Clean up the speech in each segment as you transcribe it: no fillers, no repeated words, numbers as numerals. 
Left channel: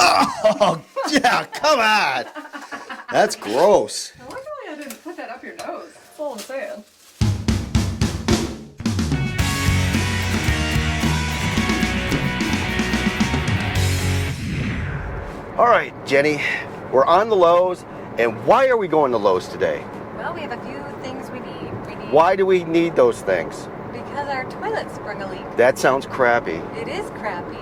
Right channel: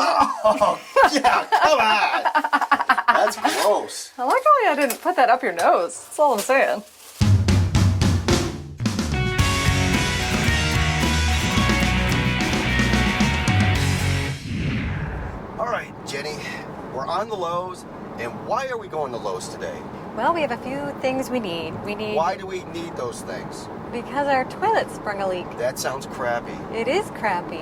Oh, yeah, come on. That's gross. I like how I didn't put that up your nose. That's all I'm saying. All right, Jenny, we're on the Lowe's, and why are we going to Lowe's today? Well, we have a few things we need. Why do we need those things? Because our toilet sprung a leak. That sounds crappy. It is crappy.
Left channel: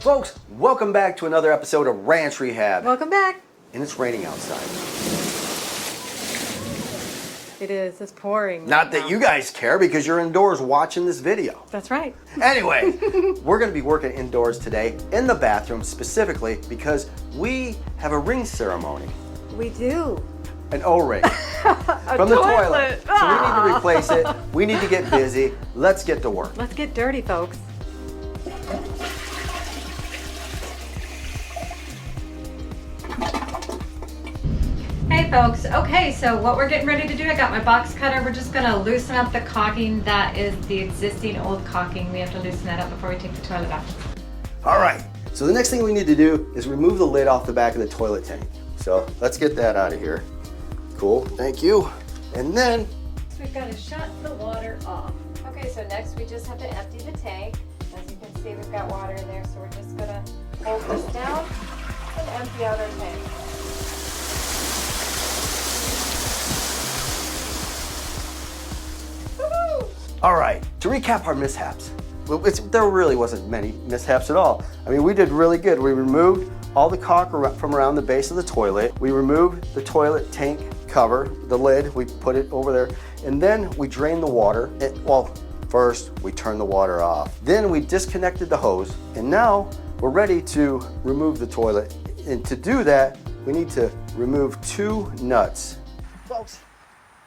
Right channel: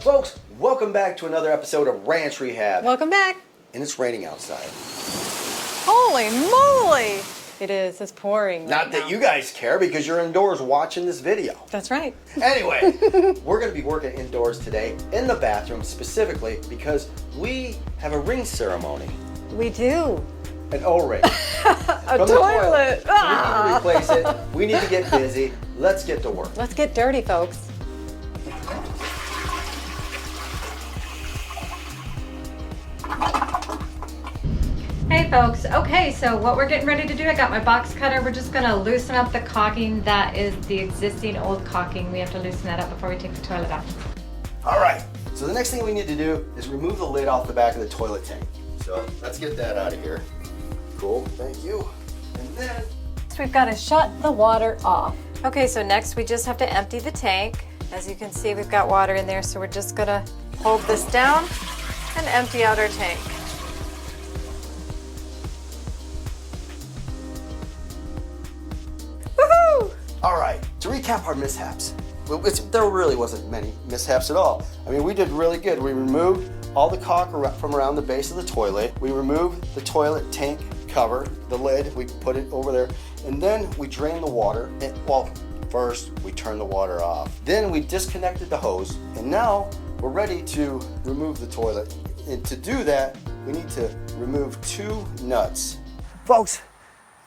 Folks, welcome back to another episode of Ranch Rehab. Welcome back. And it's raining outside. Holy moly! It is. It's pouring. Not that you guys care because you're indoors watching this video. That's right. Anyway, we're going to be working indoors today in the bathroom specifically because we have a ring ceremony. We do. An O-ring. A From the toilet. So we need to replace it. We need to get busy. Let's get to work. Let's get dirty, folks. Hey folks, okay, so what we're getting ready to do, I got my box cutter. We're just gonna loosen up the caulking. That is the existing old caulking. We have to loosen that up before we take the toilet off. All right, so the next thing we need to do is remove the lid off the back of the toilet tank. So let's get that out of here. Cool, thank you. And then, So we've got to shut the water off. Okay, so next we just have to empty the tank. As you can see, we've got water in there, so we're just gonna hold this down and empty out our tank. Woohoo! all right, to recap our mishaps. Well, there really wasn't many mishaps at all. I mean, we did really good. We removed all the caulk from around the base of the toilet. We removed the toilet tank cover, the lid, we put it over there, and then we drained the water. Well, first we turned the water off. Then we disconnected the hose, and now we're ready to remove the toilet. And to do that, we need to remove 2 nuts. Folks,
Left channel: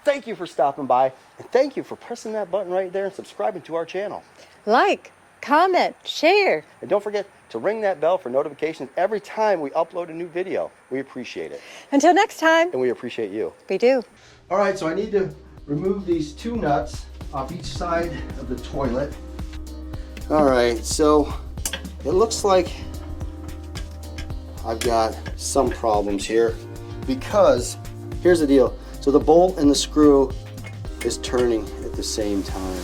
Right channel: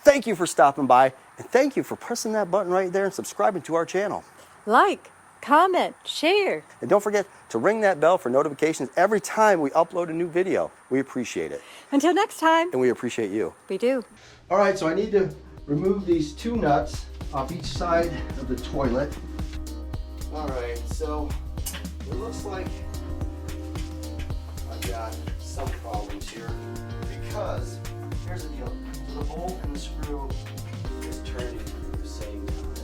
thank you for stopping by, and thank you for pressing that button right there and subscribing to our channel. Like, comment, share. And don't forget to ring that bell for notifications every time we upload a new video. We appreciate it. Until next time. And we appreciate you. We do. All right, so I need to remove these 2 nuts off each side of the toilet. All right, so it looks like I've got some problems here because here's the deal. So the bolt and the screw is turning at the same time.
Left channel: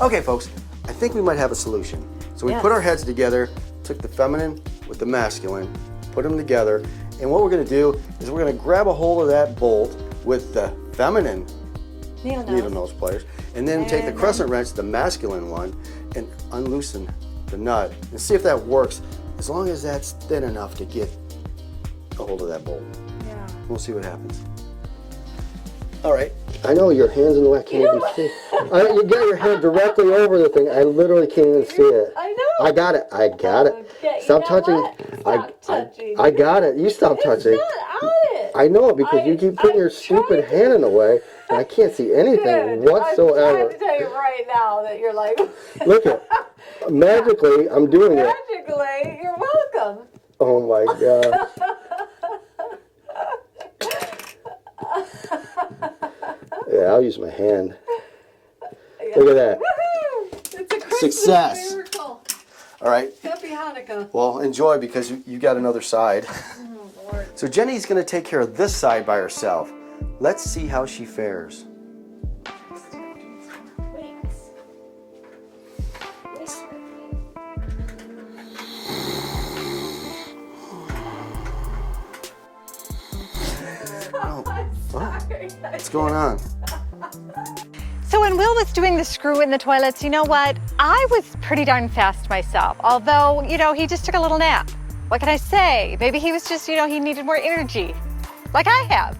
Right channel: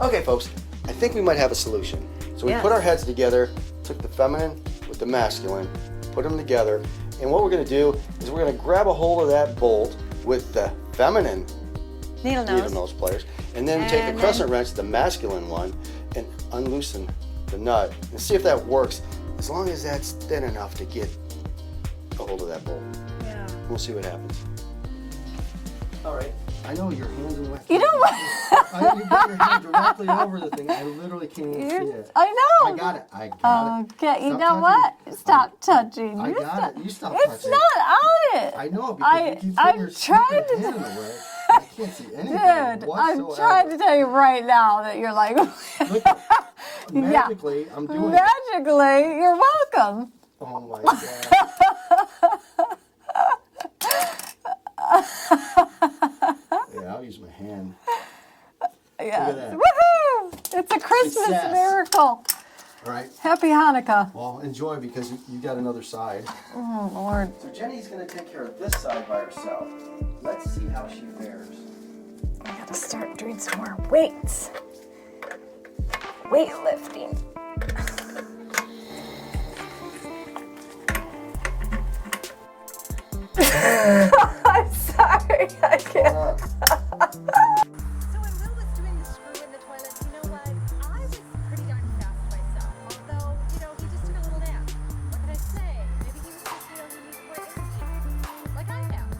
Okay, folks, I think we might have a solution. So we put our heads together, took the feminine with the masculine, put them together, and what we're gonna do is we're gonna grab a hold of that bolt with the feminine needle nose pliers, and then take the crescent wrench, the masculine one, and unloosen the nut and see if that works, as long as that's thin enough to get a hold of that bolt. Yeah. We'll see what happens. All right. I know your hand's in the way. You know You got your hand directly over the thing. I literally can't even see it. I know. I got it. I got it. Okay, you know what? Stop touching. I got it. You stop touching. It's not on it. I know because you keep putting your stupid hand in the way. And I can't see anything whatsoever. I'm trying to tell you right now that you're like. Look at magically, I'm doing it. Magically, you're welcome. Oh my God. Yeah, I'll use my hand. Yeah. Look at that. Woohoo! It's a Christmas Success. miracle. All right. Happy Hanukkah. Well, enjoy because you got another side. Oh, Lord. So Jenny's going to take care of this side by herself. Let's see how she fares. I gotta start doing some more weights. Weightlifting. I'm sorry. What's going on? So when Will was doing the screw in the toilets, you know what? I was pretty darn fast myself. Although, you know, he just took a little nap. What can I say? Maybe he was just, you know, he needed more energy, like I have.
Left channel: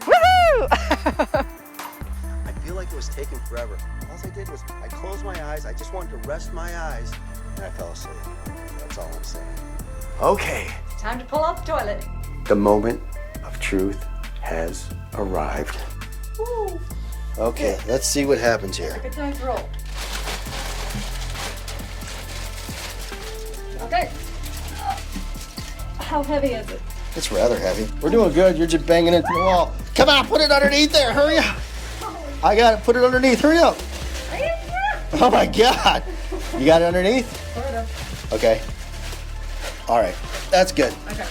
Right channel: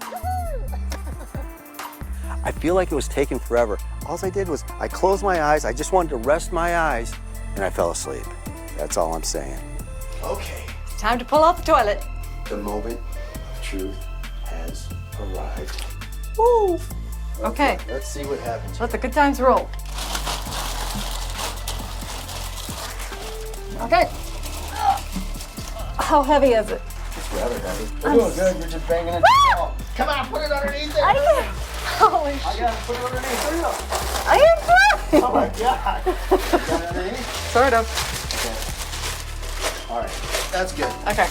Woohoo! I feel like it was taking forever. All I did was I closed my eyes, I just wanted to rest my eyes, and I fell asleep. That's all I'm saying. Okay. Time to pull out the toilet. The moment of truth has arrived. Woo! Okay, let's see what happens here. Let the good times roll. Okay. How heavy is it? It's rather heavy. We're doing good. You're just banging into the wall. Come on, put it underneath there. Hurry up. Holy, I got to put it underneath. Hurry up. I am trying. Oh my God. You got it underneath? Sort of. Okay. All right. That's good. Okay.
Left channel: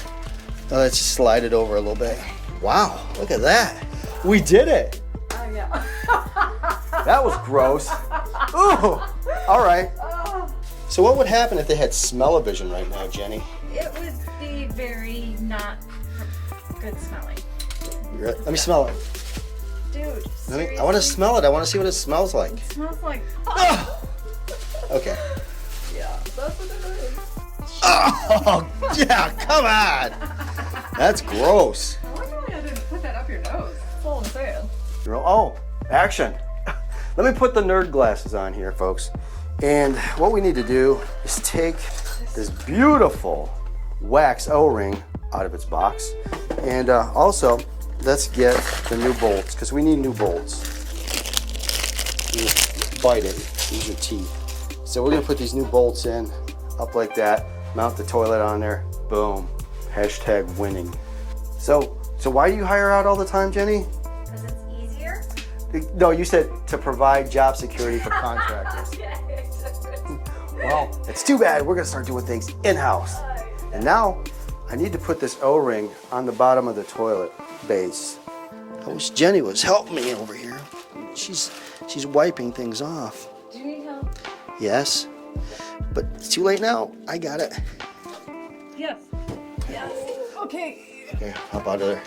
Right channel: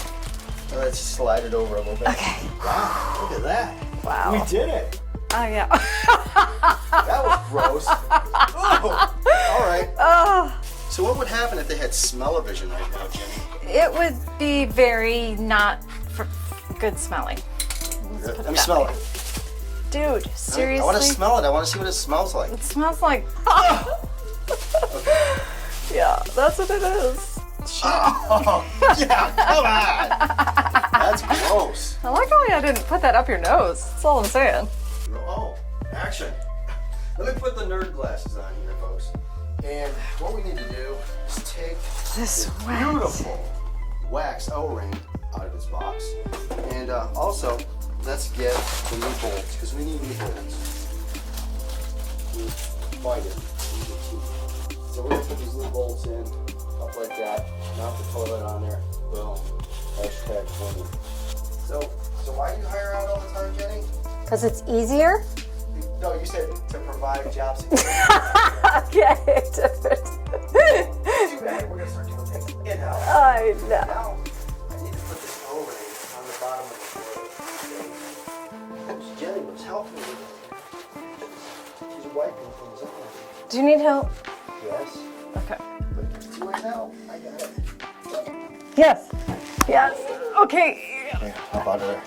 Now let's slide it over a little bit. Okay. Wow. Look at that. Wow. We did it. Oh, yeah. That was gross. Ooh. All right. Oh, So what would happen if they had smell-o-vision right now, Jenny? it would be very not good smelling. Let me smell it. Dude, seriously? I want to smell it. I want to see what it smells like. It smells like... Okay. Yeah, that's what it is. Oh, yeah, come on. That's gross. I like how I didn't put that up your nose. That's all I'm saying. Oh, action. Let me put the nerd glasses on here, folks. And what we need to do is take this beautiful wax O-ring out of its box. And also, let's get the new bolts, because we need new bolts. You just bite it, use your teeth. So we're gonna put these new bolts in, up like that, mount the toilet on there, boom. Hashtag winning. So why do you hire out all the time, Jenny? Because it's easier? No, you said to provide job security for contractors. Okay. Well, it's too bad. We're gonna start doing things in-house. I know. Now, I need to put this O-ring on the bottom of the toilet base. I wish Jenny was helping me over here. She's wiping things off. Do you need help? Yes, Okay. but it's too late now. I got it. Yes. Yes. Okay. Here, hop out of there.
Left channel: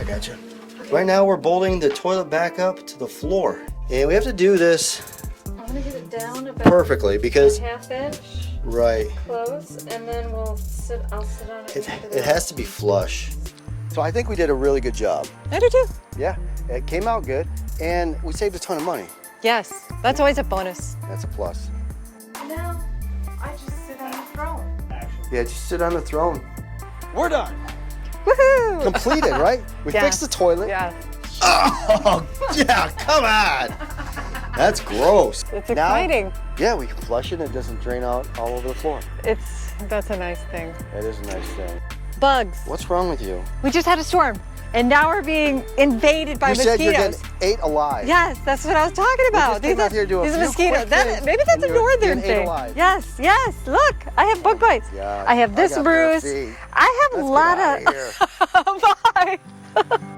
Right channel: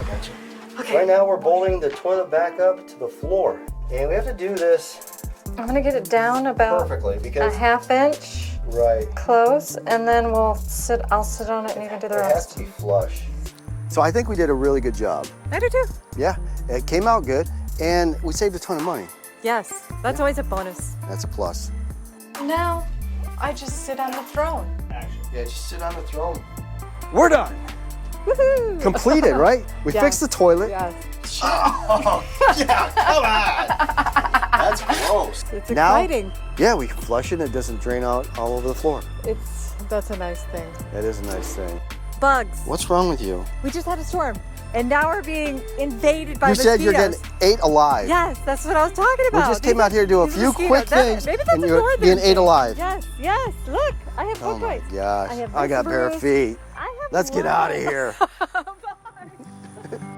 I got you. Okay. Right now, we're bolting the toilet back up to the floor. And we have to do this I'm gonna get it down about perfectly a because, ½ inch right, close, and then I'll sit on it and you can do it the has rest. to be flush. So I think we did a really good job. I do too. Yeah, it came out good, and we saved a ton of money. Yes, that's always a bonus. That's a plus. Now, I just sit on the throne. Yeah, just sit on the throne. We're done. Woohoo! Completed, right? We Yes. fixed the toilet. Yes. Oh, yeah, come on. That's gross. It's Now- exciting. Yeah, we flush it and it doesn't drain out all over the floor. That's a nice thing. That is a nice thing. Bugs. What's wrong with you? We just had a storm, and now we're being invaded by You mosquitoes. said you're getting ate alive. Yes, that's what I was talking We about. just came out here to do a these few mosquitoes. quick things, Maybe that's and a you're northern being thing. ate alive. Yes, yes. Look, I have bug Oh my bites. gosh. I have this got bare bruise. feet. I have Let's a get lot out of here. Bye.